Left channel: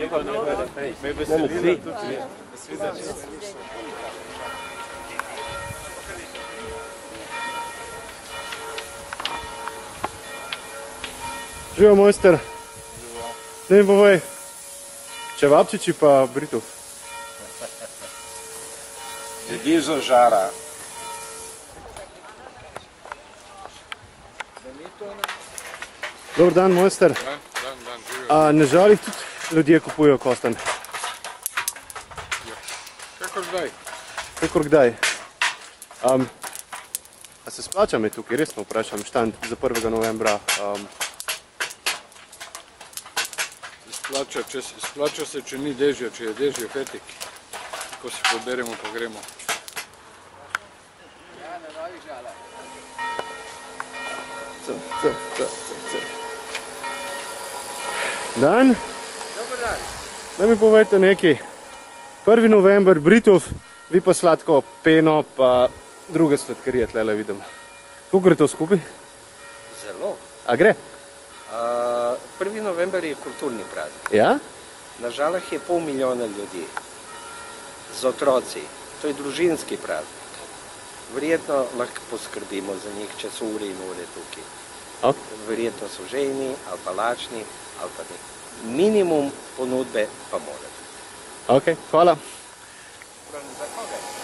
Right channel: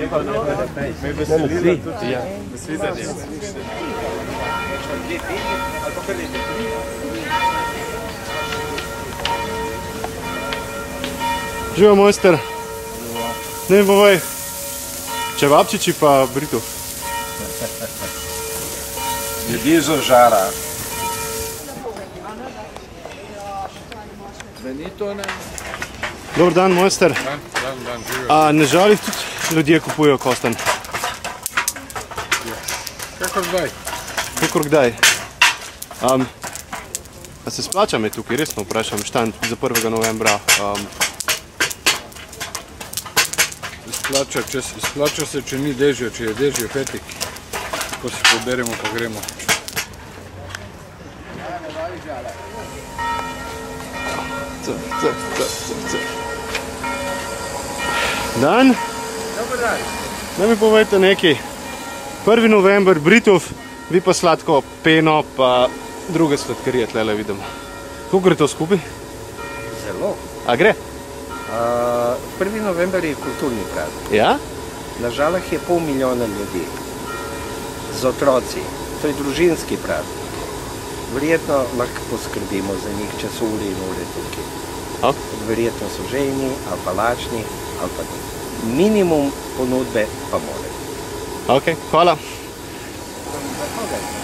Me veseli, da tudi je. Nasvidenje. Živo, mojster. Ne mi povej, čevapčiči pa Britov. Ljudje z žara. Dobar dan, mojster. Dan, živijo. Ne žalih tudi ljudje kupujejo kostanj? Kako zdaj? Kakor kdaj. A se splača me tukaj, resno vprašam, štand za 1. novembra. Splača se, če ni dežja, če je dežje fetik. Ko se poberemo, pa gremo. Dan? Dobar dan. Da mi povejte nekaj. 1. november, Britov, vi pa sladko peno, pa druge sladkarije tlele vidimo. Kako gre to skupaj? Zelo. A gre? 1. november je kulturni praznik. Ja? Na Žalah je 500 000 ljudi z otroci. To je družinski praznik. Verjetno lahko poskrbimo za njih, če so ure in ure tukaj. Verjetno so žejni, ali pa lačni, ali pa ni. Minimum ponudbe pa mora biti. Ok, hvala. Za koga?